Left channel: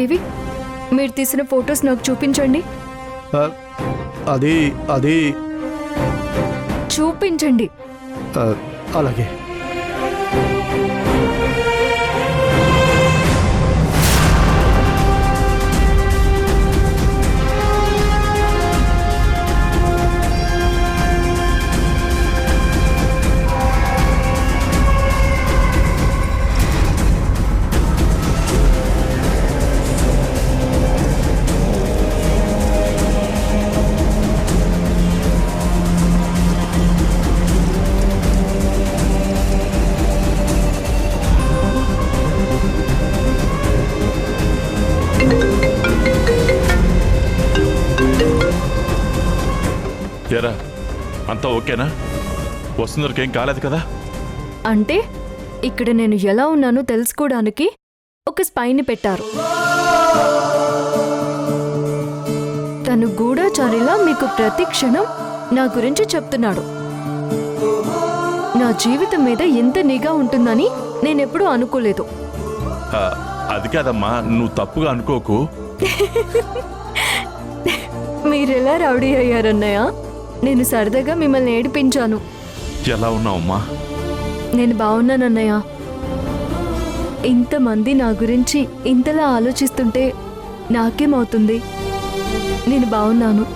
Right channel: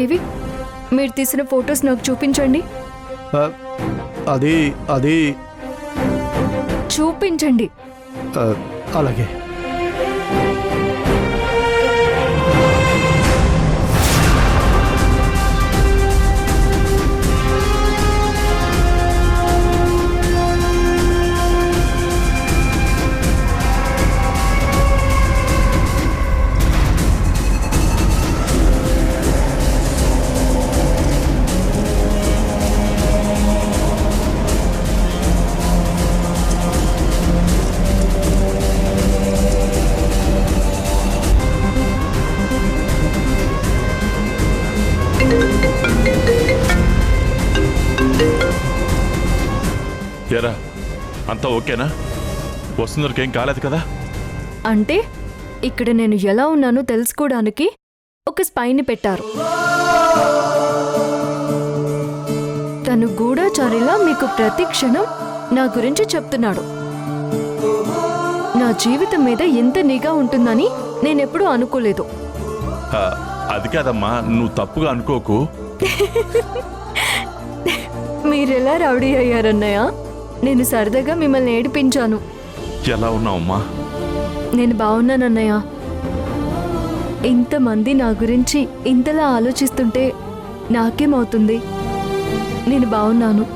ఏవి మీరు తీసిన ఫొటోస్ నాకు చూపించండి. అది అది చూపించండి. అలాగే. ఎరా అంతా ఓకేనా? వస్తున్నరికి ఏం కాలేదు కదా? అంటే ఇక్కడ నేను ఎలా ఉన్నానో తెలుసుకోవడానికి ఒక స్పైని పెట్టారు. తను గూఢచారిలా మీకు ప్రతి క్షణం నా గురించి చెప్తున్నాడు. నా జీవితం మీద ఎంత నిఘా ఉంటుందని నేనెప్పుడూ అనుకోలేదు. అది కాదమ్మా, నువ్వు తప్పుగా అనుకోకు. మీరెలా రౌడీ అయ్యారన్నయ్య? నేను సరదాగా మిమ్మల్ని ఏడిపించాను. ఎలా ఉన్నావమ్మా? నేను బాగున్నానన్నయ్య. ఇంతమంది నా గురించి ఇంతలా ఆలోచిస్తుంటే నాకేమవుతుంది? నేను బాగున్నాను.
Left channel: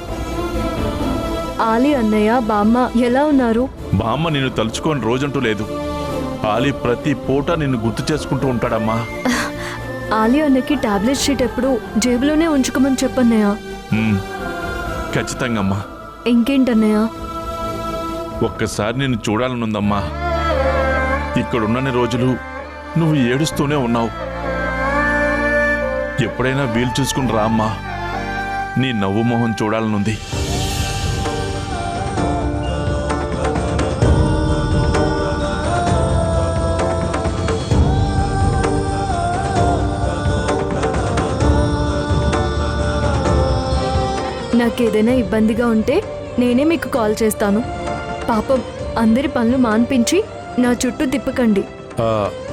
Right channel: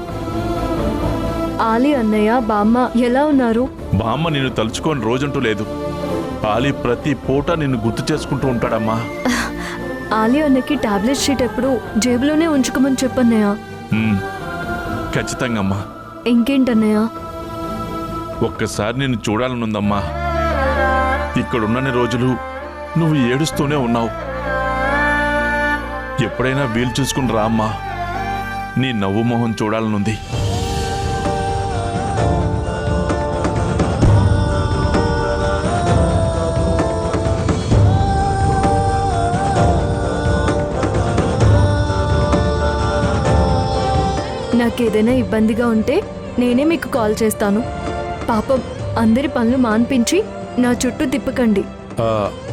ఆలి అన్నయ్య, బామ్మ ఎలా ఉన్నారు? బామ్మ నిన్ను తలుచుకొని రోజంటూ లేదు. ఆలి ప్రతి పూట నిన్ను గుర్తు చేసుకుంటూ ఉంటాడమ్మా. ఆలి అన్నకి టాబ్లెట్ షీట్ ఎప్పుడు జేబులోనే ఉంచుకోమని చెప్పన్నయ్య. ఖచ్చితంగా అమ్మా. ఇంకేంటన్నయ్య? ఒక్కసారి నిన్ను చూడాలనుందమ్మా. ఇక్కడున్నన్ని రోజులు నువ్వు ఏడుస్తూనే ఉన్నావు. ఎప్పుడైనా వీలు చూసుకుని రా అమ్మా. నీ నవ్వు మొహం చూడాలనుంది. నాకేదైనా ఇబ్బందిగా ఉంటే నేనే మీకు కాల్ చేస్తాను. పాపం అందరి పనులు మాన్పించి నా చుట్టూ తిప్పకండి.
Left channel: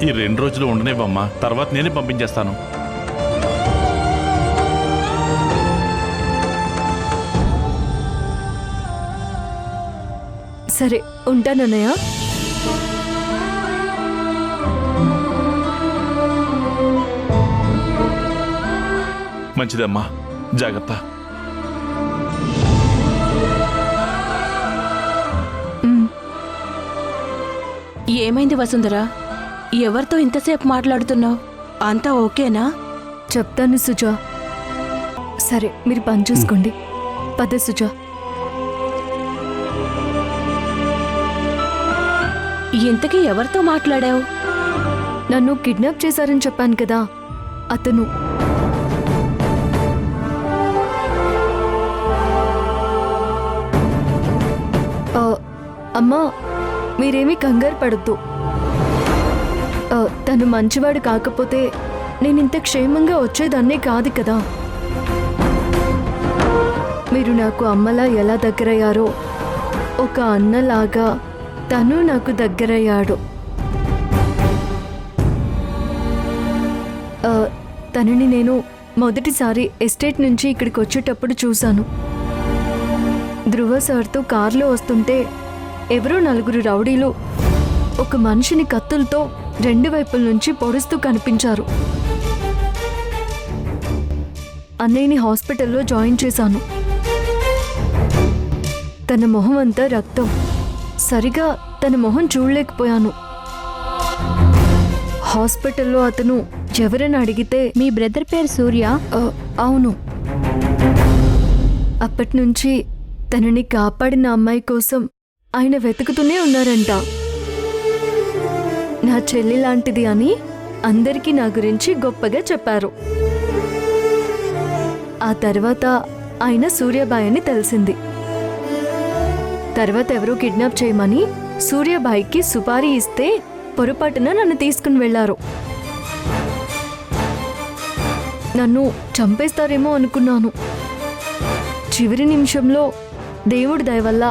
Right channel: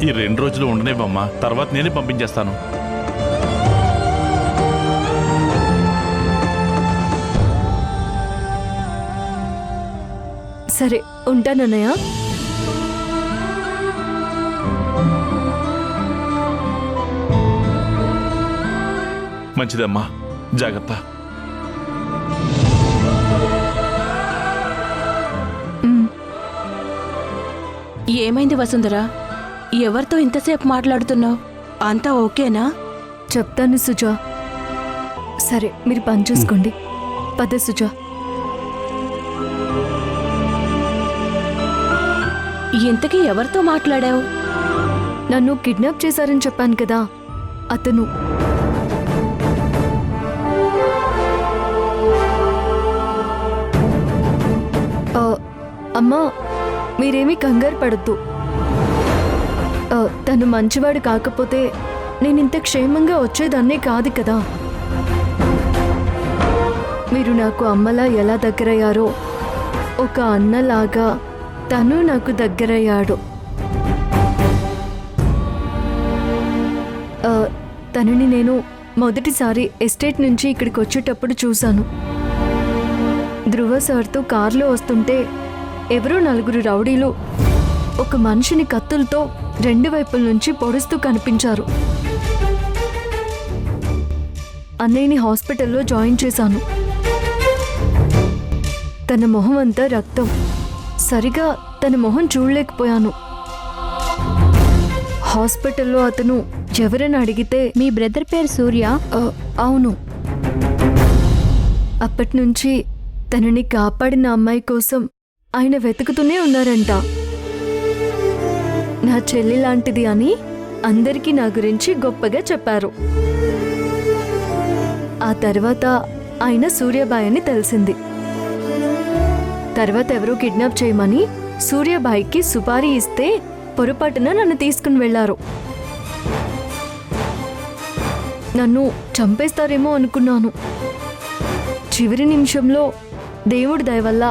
ఈ 2 రోజులు ఉండనివ్వమ్మా, తర్వాత నేనే పంపించేస్తాను. సరే, ఉంటానన్నయ్య. మంచిదమ్మా, జాగ్రత్త. ఏమైంది వసుంధరా? ఎవరితో ఇంతసేపు మాట్లాడుతున్నావు? అంతా ఓకేనా? చెప్తాను సుజా. సరే, మీరు పని చూసుకోండి. పద సుజా. ఇంతకీ ఎవరితో మాట్లాడావు? నన్ను కిడ్నాప్ చేశారని చెప్పాను కదా, అతను. అమ్మా, మీరేమీ కంగారు పడద్దు. తను మంచివాడు కాకపోతే నేనింత క్షేమంగా వచ్చేదాన్నే కాదు కదా. మీరు నాకు అమ్మలా ఎలా దగ్గరయ్యారో, ఒక అన్నలాగా తను నాకు దగ్గరయ్యాడు. తనని నేను మొదటిసారి ఎస్టేట్ నుంచి ఇక్కడికి వచ్చేటప్పుడు చూశాను. ధ్రువ సార్తో కారులో వస్తుంటే ఎవరో 4 రౌడీలు ఒక మనిషిని కత్తులతో 2 వైపుల నుంచి పొడుస్తూ కనిపించారు. అన్నయ్యని హాస్పిటల్లో జాయిన్ చేశాను. తన మొహం అంతా రక్తం. సరిగా తన మొహం చూడలేకపోయాను. హాస్పిటల్లో అతను ఎవరని అడిగితే, మీ బ్రదర్ పేరు సూర్య? అవును. అప్పటినుంచి తనని కాపాడిన అమ్మాయి కోసం ఆయన వెతుకుతూనే ఉన్నారంట. నా చెల్లి లాంటిది అని అందరికీ నా గురించి గొప్పగా చెప్పారు. ఆ తర్వాత ఆయన సూర్యబాయ్ అని తెలిసింది. తర్వాత ఎవరో కిడ్నాప్ చేయమని సూర్యబాయికి సుపారీ ఇస్తే పొరపాటున నన్ను తీసుకుని వెళ్లారు. నన్ను చంపేస్తారేమో అనుకున్నాను. చివరి నిమిషంలో దేవుడి దయ వల్ల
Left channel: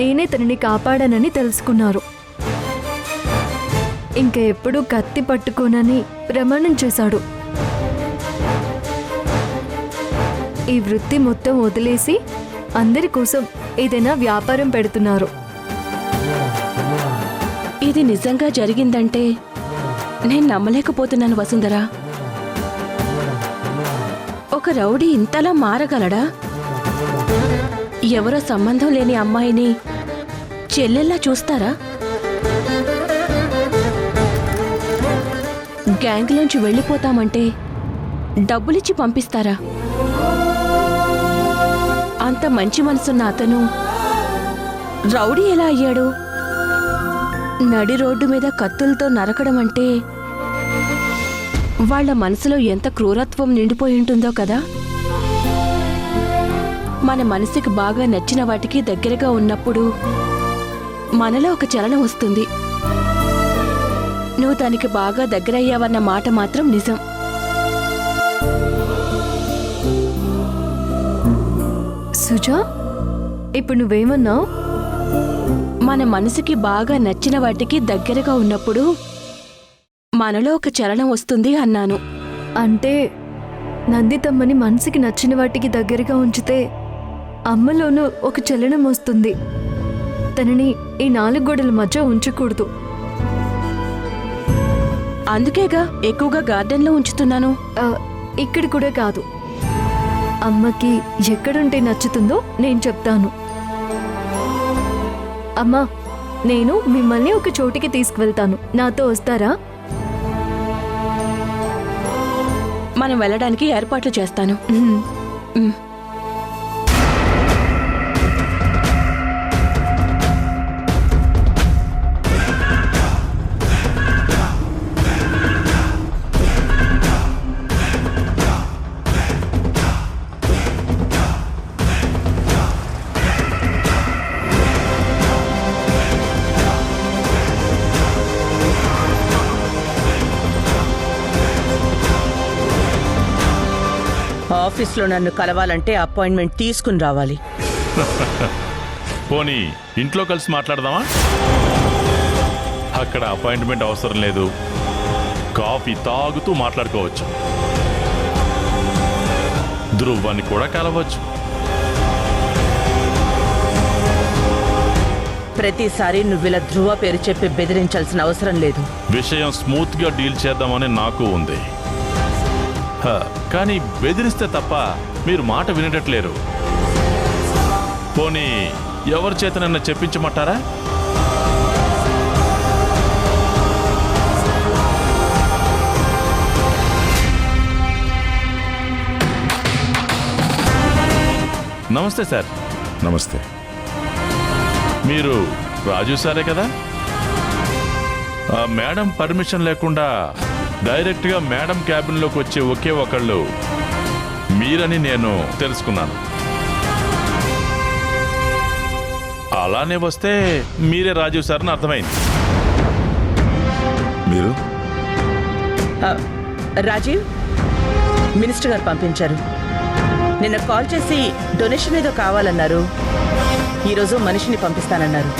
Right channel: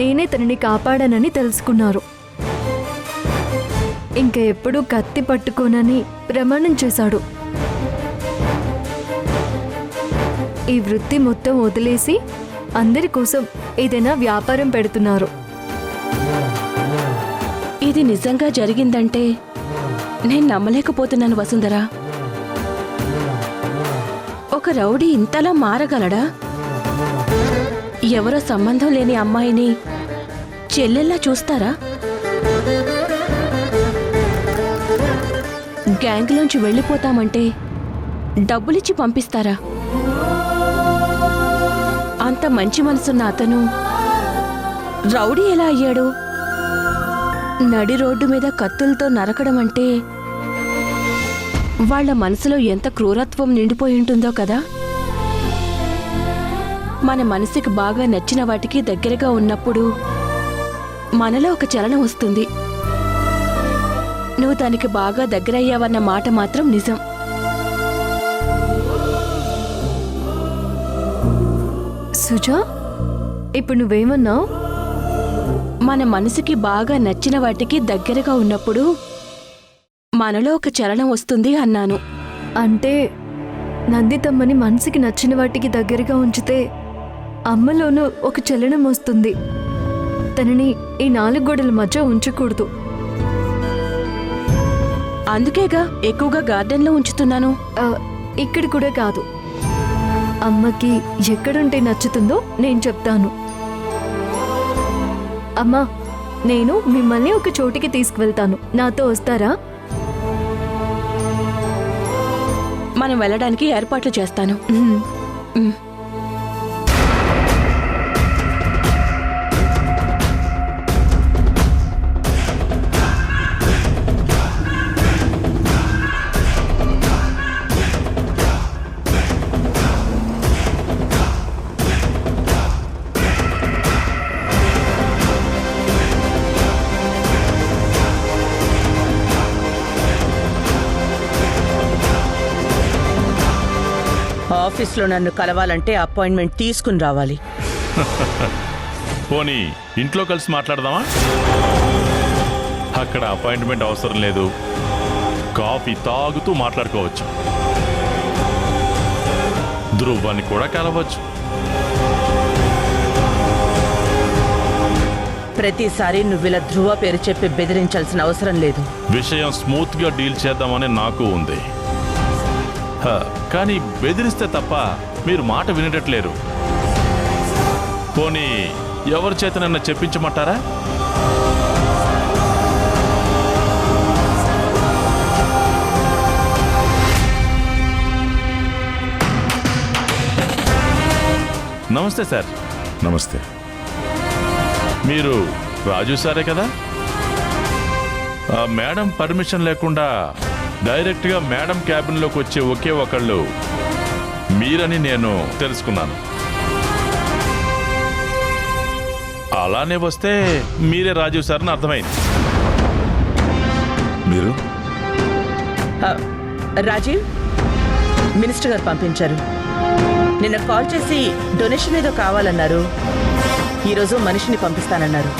నేనే తనని కాపాడానని తెలుసుకున్నారు. ఇంక ఎప్పుడూ కత్తి పట్టుకోనని ప్రమాణం చేశాడు. ఈ వృత్తి మొత్తం వదిలేసి అందరి కోసం ఏదైనా వ్యాపారం పెడుతున్నారు. ఇది నిజంగా జరిగిందంటే నేను నమ్మలేకపోతున్నాను వసుంధరా. ఒక రౌడీ ఇంతలా మారగలడా? ఎవరో సంబంధం లేని అమ్మాయిని చెల్లెల్లా చూస్తారా? గ్యాంగ్లోంచి వెళ్ళిపోతామంటే డబ్బులిచ్చి పంపిస్తారా? అంత మంచి మనసున్న అతను రౌడీ ఎలా అయ్యాడు? నడి రోడ్డు మీద కత్తులతో నరకడం అంటే వాళ్ళ మనసులో ఎంత క్రూరత్వం నిండిపోయి ఉంటుందో కదా. మన మనసుకి బాగా నచ్చిన వాటికి దగ్గరగా ఉన్నప్పుడు మనలో ఒక చలనం వస్తుంది. నువ్వు తనకి బాగా దగ్గరయ్యావన్న మాట మాత్రం నిజం. సుజా, ఇప్పుడు నువ్వేమన్నావు? మన మనసుకి బాగా నచ్చిన వాటికి దగ్గరగా ఉన్నప్పుడు మనలో ఒక చలనం వస్తుంది అన్నాను. అంటే నందితమ్మని మనసుకి నచ్చిన వాటికి దగ్గరగా ఉంచితే అమ్మలోనూ ఒక చలనం వస్తుంది. తనని ఈ 4 గోడల మధ్య ఉంచకూడదు. అందుకేగా ఎక్కువగా గార్డెన్లో ఉంచుతున్నాను. ఇక్కడ కూడా కాదు. అమ్మకి ఎక్కడుంటే నచ్చుతుందో నేను చెప్తాను. అమ్మా, నేను మిమ్మల్ని ఒక చోటికి తీసుకువెళ్తాను. నాతో వస్తారా? మనం వెళ్ళడానికి ఏర్పాట్లు చేస్తాను. ఉమ్. ఆఫీస్లో నన్ను కలవాలంటే అపాయింట్మెంట్ తీసుకుని రావాలి. పోనీ ఇంట్లో కలిసి మాట్లాడదామా? అక్కడ అపాయింట్మెంట్ అవసరం లేదు, కాఫీ తాగుతూ మాట్లాడుకోవచ్చు. ధ్రువాన్ని కూడా కలవచ్చు. ప్రతిసారి నువ్విలా ధ్రువ పేరు చెప్పి బెదిరించాల్సిన అవసరం లేదు. విషయం స్మూత్గా డీల్ చేద్దామని నాకు ఉంది. కానీ బెదిరిస్తే తప్ప మీరు మాట వినేటట్లేరు. పోనీ ఎవరి చేతనన్నా చెప్పించమంటారా? నమస్తే సార్. నమస్తే. మీరు రాజు సారే కదా? మేడం పర్మిషన్ లేకుండా డైరెక్ట్గా మేడం క్యాబిన్లోకి వచ్చే ఒకే ఒకళ్ళు మీరని నేను తెలుసుకున్నాను. అలానే వస్తే మీరే రాజీవ్ సార్ అని అర్థమైంది. మీరు? రాజీవ్, మినిస్టర్ గారు పంపించారు. నిన్న కాల్ చేసి డొనేషన్ ఏదో కావాలన్నారు. ఈరోజు మనిషిని పంపిస్తానన్నారు.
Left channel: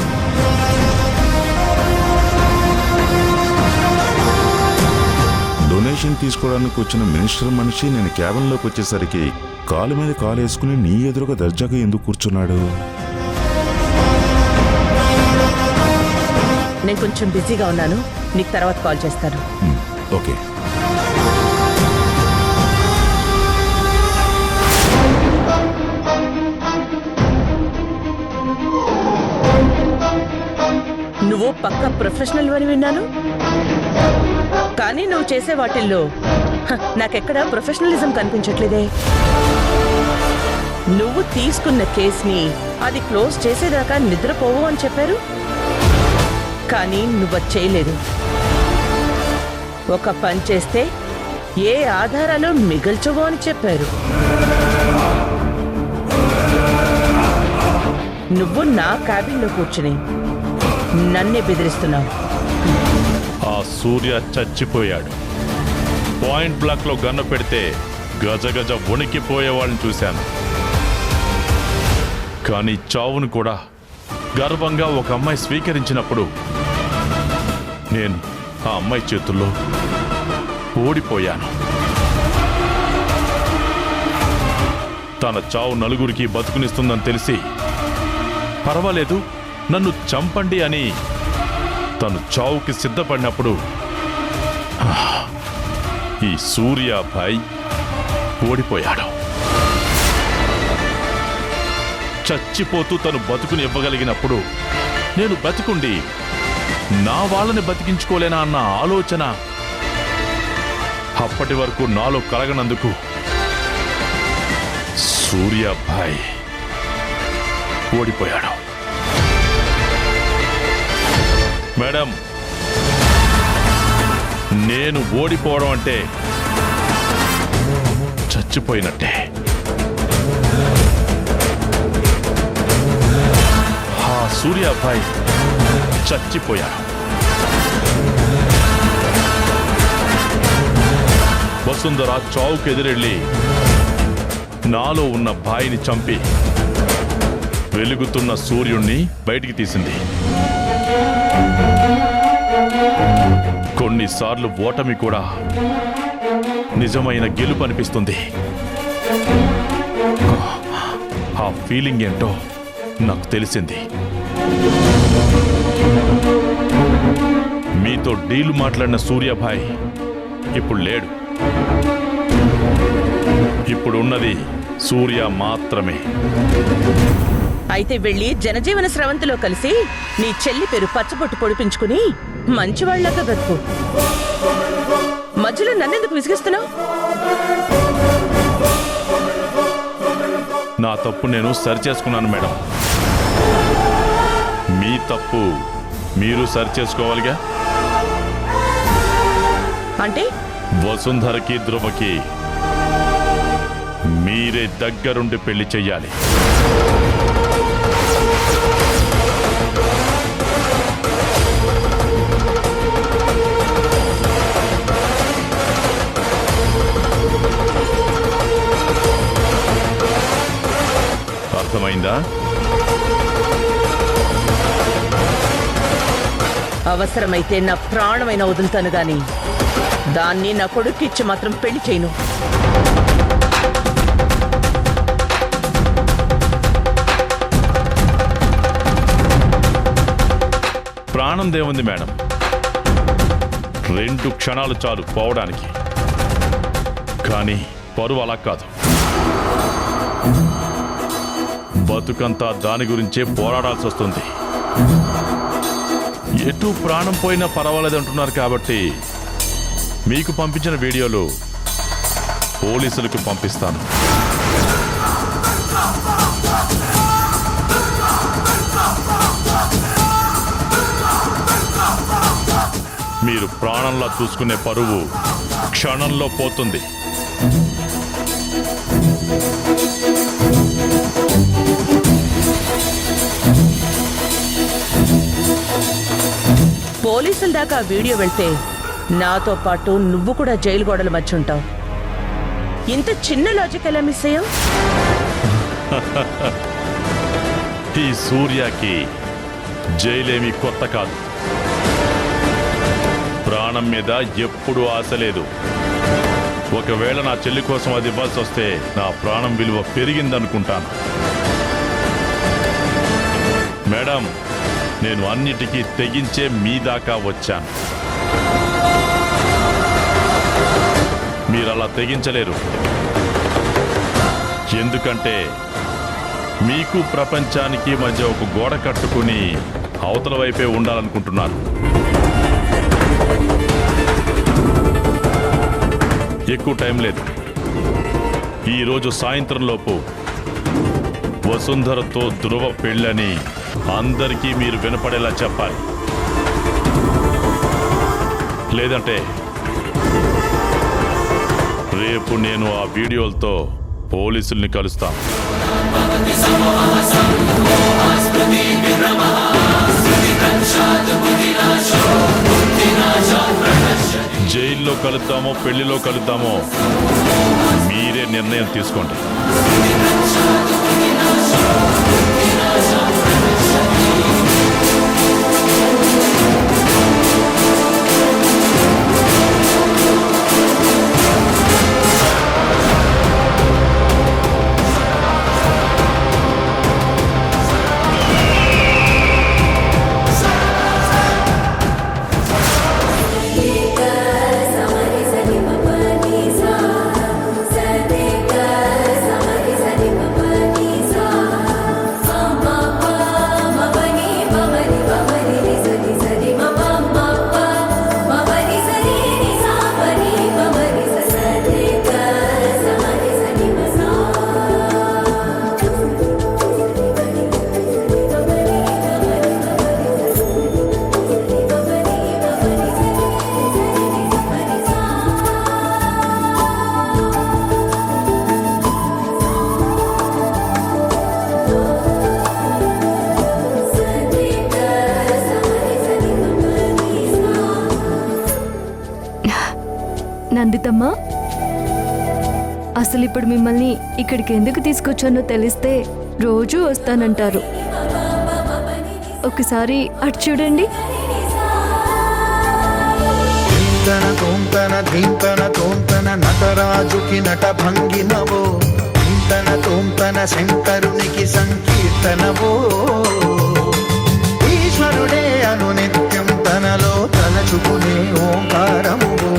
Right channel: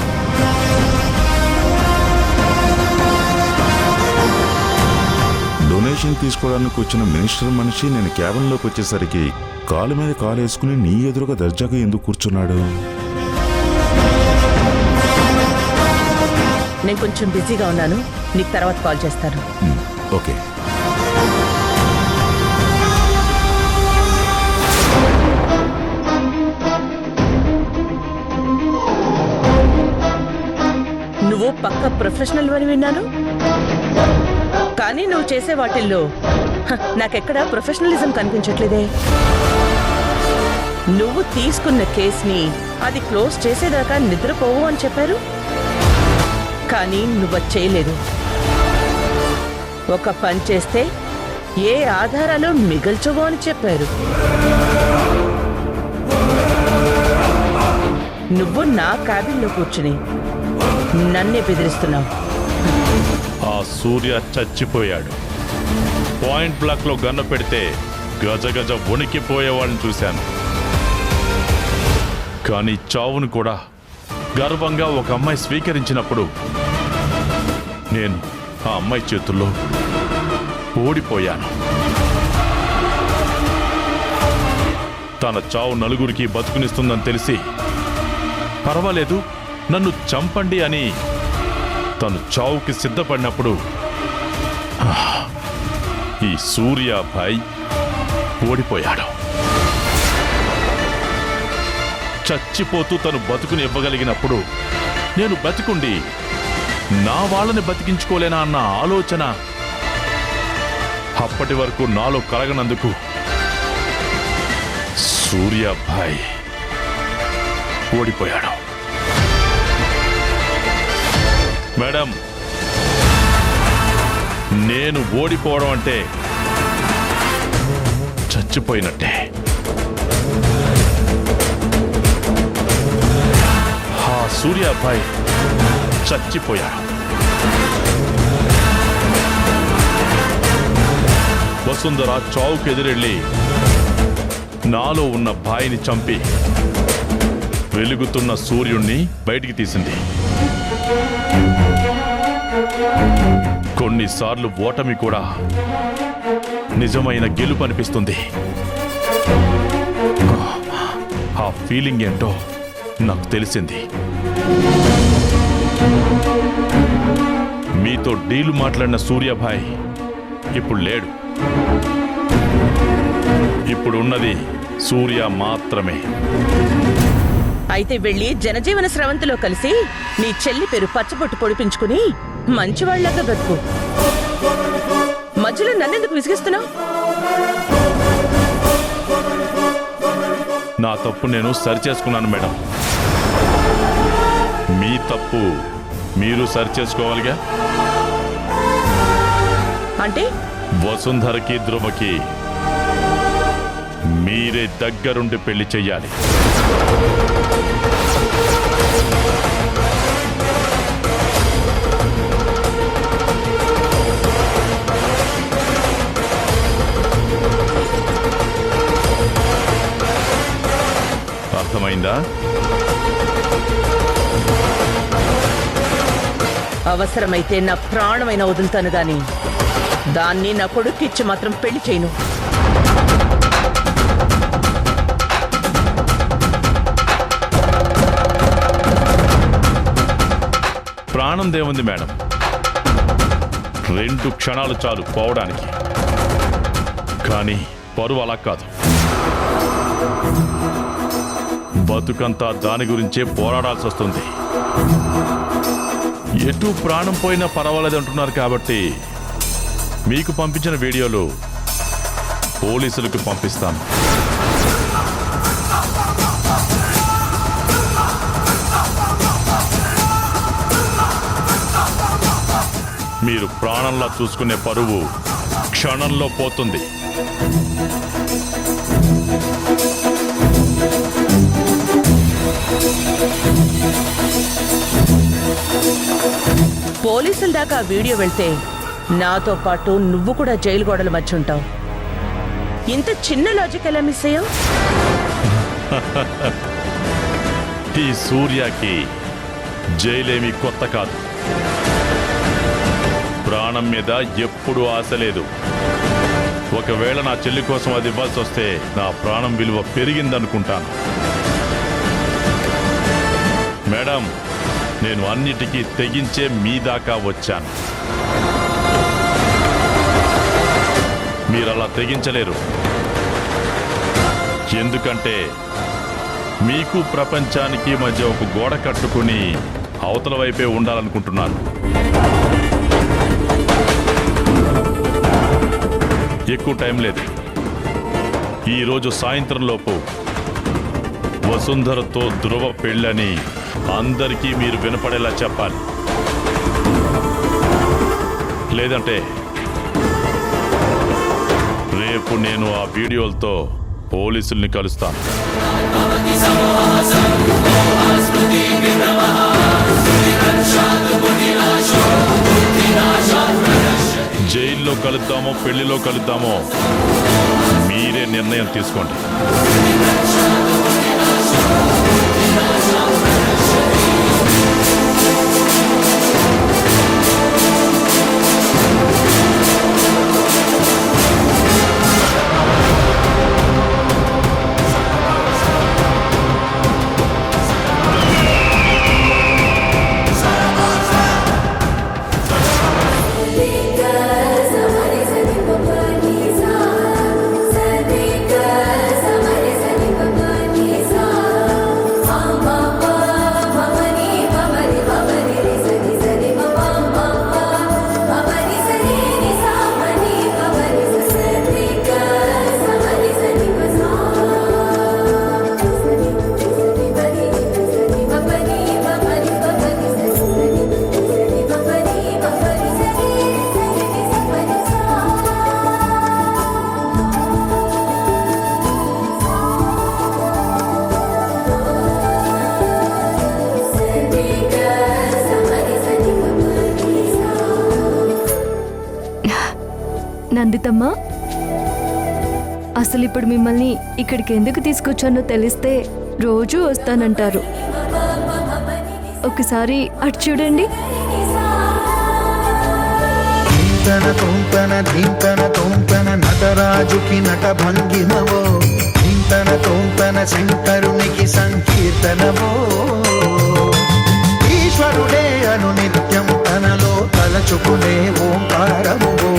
డొనేషన్ తీసుకోవడానికి వచ్చిన మినిస్టర్ మనిషి నేను క్యాబిన్లోకి వచ్చేసరికి కాలు మీద కాలు వేసుకుని నీ ఎదురుగా దర్జాగా ఎందుకు కూర్చున్నాడు? నేను కొంచెం బిజీగా ఉన్నాను, నీకు తర్వాత కాల్ చేస్తాను. ఓకే. నువ్వు పక్క ప్రొఫెషనల్ అని విన్నాను, కానీ నువ్వు చేసే వాటిల్లో నాకెక్కడ ప్రొఫెషనలిజం కనిపించట్లేదే. నువ్వు తీసుకున్న కేసుని అది క్లోజ్ చేసేదాకా నిద్రపోవు అని చెప్పారు, కానీ నువ్వు చేయలేదు. ఒక పని చేస్తే ఏ ఆధారాలు మిగల్చవో అని చెప్పారు. నువ్వు నా క్యాబిన్లో కూర్చుని నన్నే బెదిరిస్తున్నావు. ఆ సూర్య చచ్చిపోయాడు. పాయింట్ బ్లాక్లో గన్ను పెడితే గజగజ వణికిపోయే వాళ్ళని చూశాను. కానీ చావును కూడా గర్వంగా ఒక అమ్మాయి స్వీకరించినప్పుడు నేను ఆ అమ్మాయి చేతుల్లో ఓడిపోయాను. తన చావు నలుగురికి బతుకునిస్తుందని తెలిసి పర్వాలేదు నన్ను చంపండి అని తను చావుకి సిద్ధపడినప్పుడు ఈ సూర్యాభాయ్ ఓడిపోయాడు. చచ్చిపోతూ తను బతుకుని ఇవ్వగలిగినప్పుడు నేను బతికుండి నా వాళ్ళని బతికించుకోలేనా అన్న ఆలోచన అప్పటి వరకు నాలో కలగనందుకు సూర్యాభాయ్ ఓడిపోయాడు. మేడం, నేను ఓడిపోవడం అంటే చచ్చిపోయినట్టే. ఆ సూర్యాభాయ్ చచ్చిపోయాడు. వసుంధర చావుకు ఎదురెళ్ళి నాలో ఉన్న భాయిని చంపి వెలుగుతున్న సూర్యుణ్ణి బయటికి తీసింది. కొన్నిసార్లు ఓటమి కూడా నిజమైన గెలుపు అనిపిస్తుంది. ఆ ఫీలింగ్ ఏంటో నాకు తెలిసింది. మీతో డీలు మాట్లాడిన సూర్యాభాయ్ ఇప్పుడు లేడు. ఇప్పుడు ఉన్నది సూర్య మాత్రమే. అయితే వెళ్ళి జనజీవన స్రవంతిలో కలిసి నీ చెల్లి పేరు పచ్చబొట్టు పొడిపించుకుని మంచివాళ్లాగా బ్రతుకు. మధ్యలో నన్నెందుకు విసిగిస్తున్నావు? నా తప్పు నేను సరిచేసుకున్నాను మేడం. మీ తప్పు మీరు సరిచేసుకోవాలిగా. అంటే వసుంధరకి ధ్రువకి మీరే దగ్గరుండి పెళ్లి చెయ్యాలి. అర్థమైందా? అవసరమైతే నా ప్రాణమైన వదులుతాను గాని దాన్ని నా కొడుక్కిచ్చి మాత్రం పెళ్లి చేయను. ప్రాణం దేవుంది మేడం, 2 క్షణాలు చాలు పోవడానికి. కానీ పరువు అలా కాదు. బతుకంతా దాని గురించే పోరాడాల్సి వస్తుంది. ఎటు ప్రాణం పోయినా పర్వాలేదు అంటున్నారు కాబట్టి మీకు పంపించిన వీడియోలు పోలీసులకు పంపిస్తాను. మీరు ప్రాణంలా చూసుకునే పరువు క్షణంలో పోతుంది. పోలీసుల దాకా వీడియో వెళ్తే నాతో పాటు నువ్వు కూడా జైలు గోడల మధ్య ఉంటావు. ఇంత చిన్న లాజిక్ ఎలా మిస్ అయ్యావు? ఈ సూర్యకి జైలేమీ కొత్త కాదు. ప్రాణం మీద ఎప్పుడూ ఆశ లేదు. ఒకవేళ నా చెల్లి కోసం అది ఇవ్వాల్సి వస్తే నా ప్రాణం విలువ పెరిగిందనుకుంటాను. మేడం, నేను అన్నిటికీ తెగించే మీ దాకా వచ్చాను. మీరలా తెగించలేరు. ఎందుకంటే మీకు ప్రపంచానికి మధ్య ఒక గోడ కట్టుకుని అవతల వైపే ఉండాలనుకుంటున్నారు. ఎక్కువ టైం లేదు. ఈరోజు సాయంత్రంలోపు వసుంధరతో ధ్రువ పెళ్ళని అందరికీ మీరు వినపడేలా చెప్పాలి. లేదంటే రేపు నేను ఆ వీడియోలతో పోలీసుల్ని కలుస్తాను. జైల్లో కలుద్దామో పెళ్లిలో కలుద్దామో మీరే నిర్ణయం తీసుకోండి. నందితమ్మా, అసలు ఇప్పుడు మిమ్మల్ని ఇక్కడికి ఎందుకు తీసుకొచ్చానో తెలిస్తే రోజూ వస్తానంటారు. ఒకసారి అటు చూడండి. ధీంతన తోంతన ధీంతన తోంతన నటరాజుకి నట భంగినవో, ధీంతన తోంతన శంకరునికి సంకీర్తనవో. ఈశ్వరుడే అను నిత్యం తనలో తలచుకునే ఓంకారమువో,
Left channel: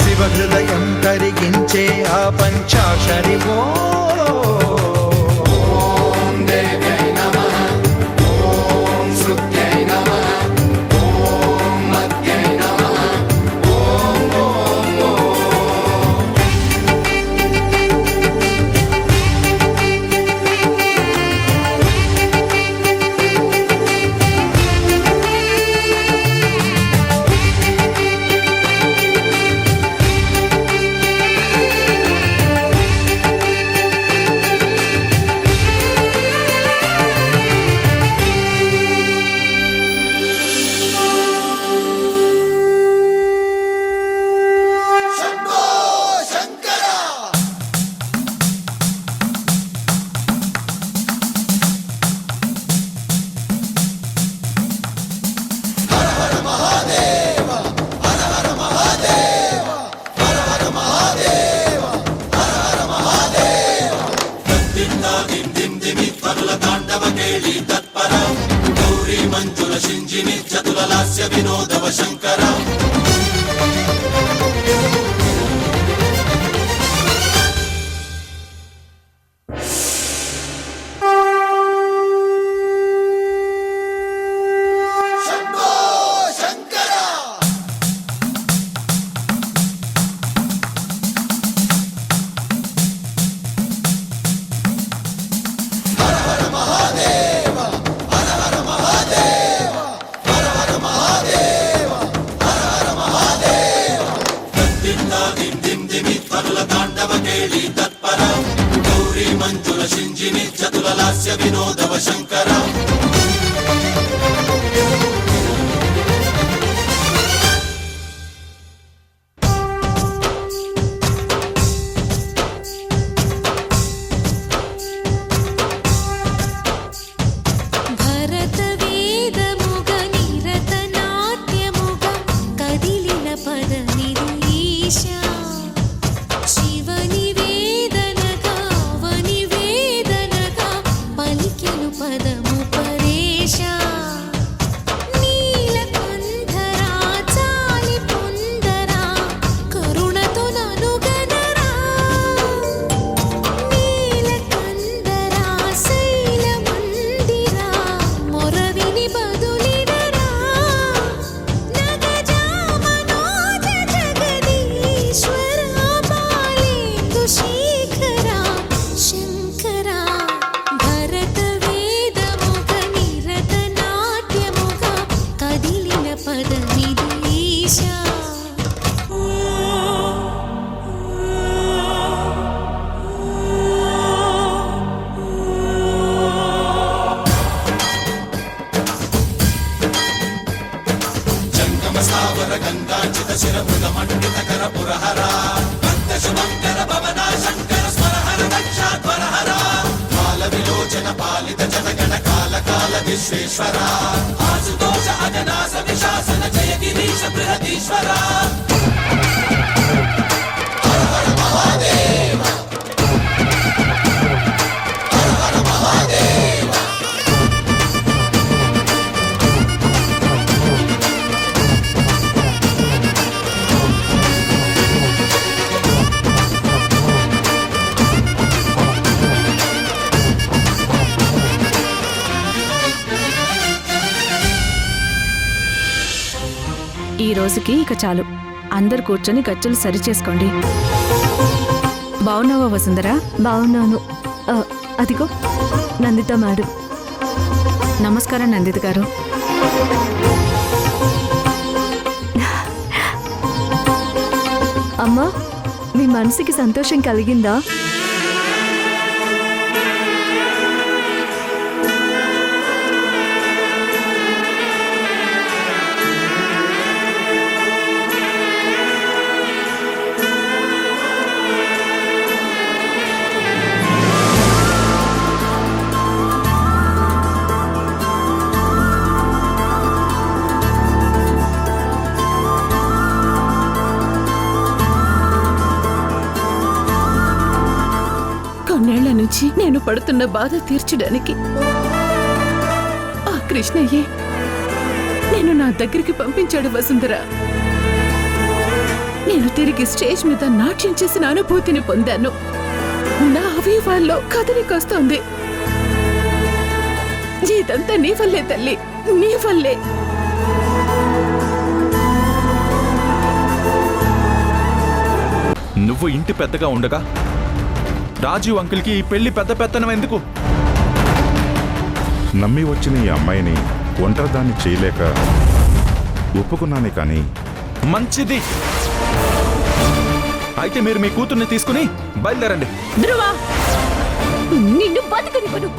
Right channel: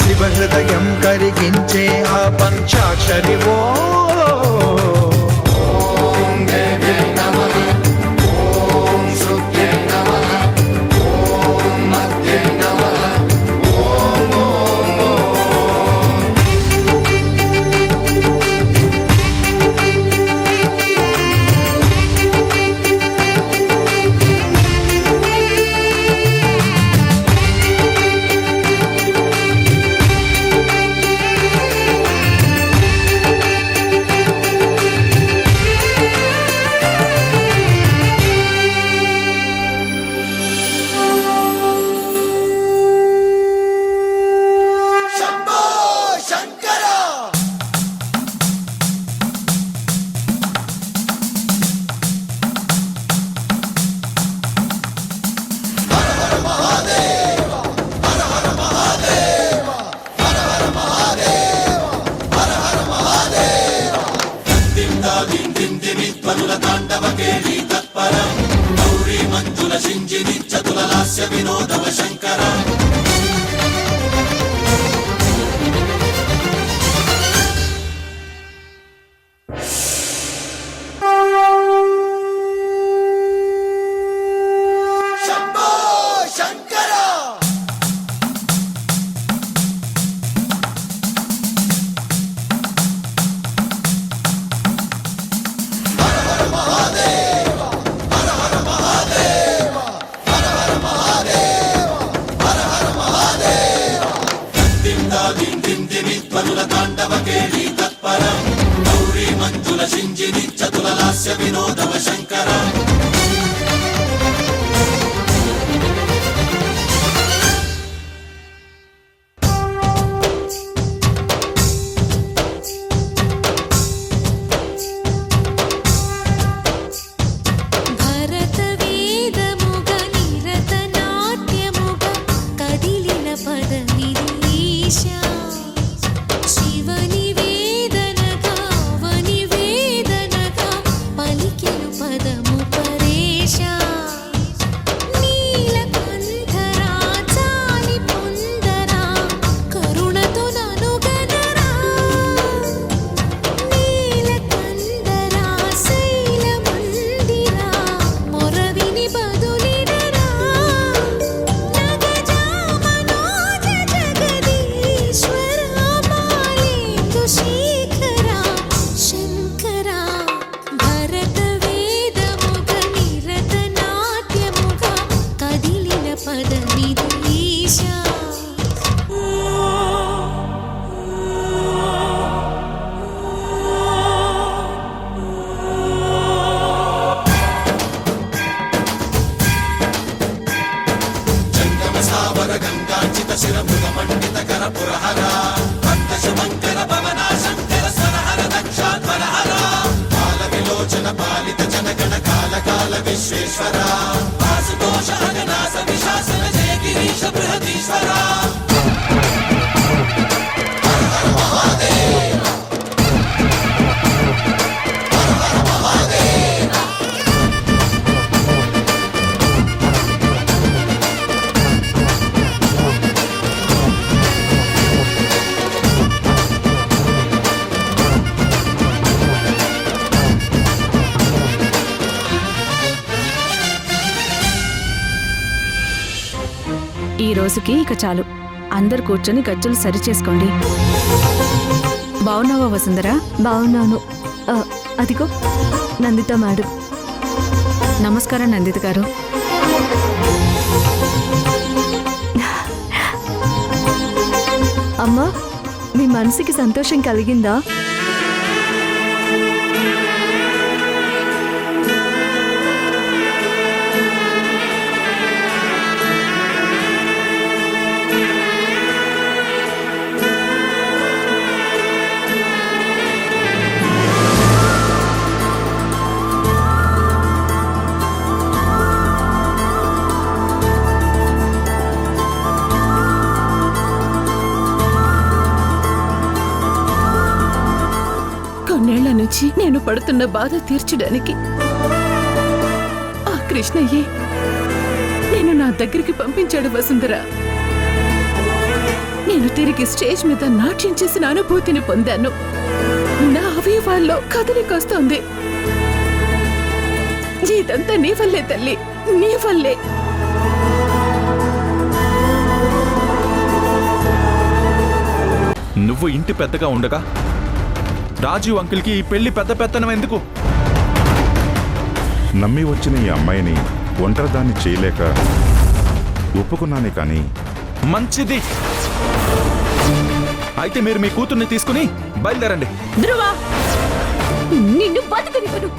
శివ హృదయం కరిగించే ఆ పంచాక్షరివో. ఈ రోజుకి ఇక చాలు. అందరు కూర్చొని గజ్జలు సరిచేసుకోండి. బావున్నావా వసుంధరా? బాగున్నాను. అదిగో నందిత మేడం. నమస్కారం నందిత గారు. అమ్మా, మీ మనసుకి సంతోషం కలిగిందా? నుంచి నేను పడుతున్న బాధ తీర్చడానికి ఆ కృష్ణయ్యే నేను నా దగ్గరికి పంపించాడు వసుంధర. నేను తిరిగి స్టేజ్ మీద నాట్యం చేసిన అనుభూతిని పొందాను. నా అవయవాల్లో కదలికొస్తోంది. ఇదంతా నీ వల్లే తల్లి, నీ వల్లే. నువ్వు ఇంటి పెద్దగా ఉండగా రాజీవ్ అంకుల్కి ఈ పెళ్లి పెద్ద పెత్తనం ఎందుకు? నమ్మి వచ్చిన ఈ అమ్మాయిని ఒంటరిదాన్ని చేయలేక ఒప్పుకున్నానే కానీ మంచిది. అయితే మీరు మీ కూతుర్ని తీసుకుని బయలుదేరండి. ధ్రువ, నిన్ను బతకనివ్వను.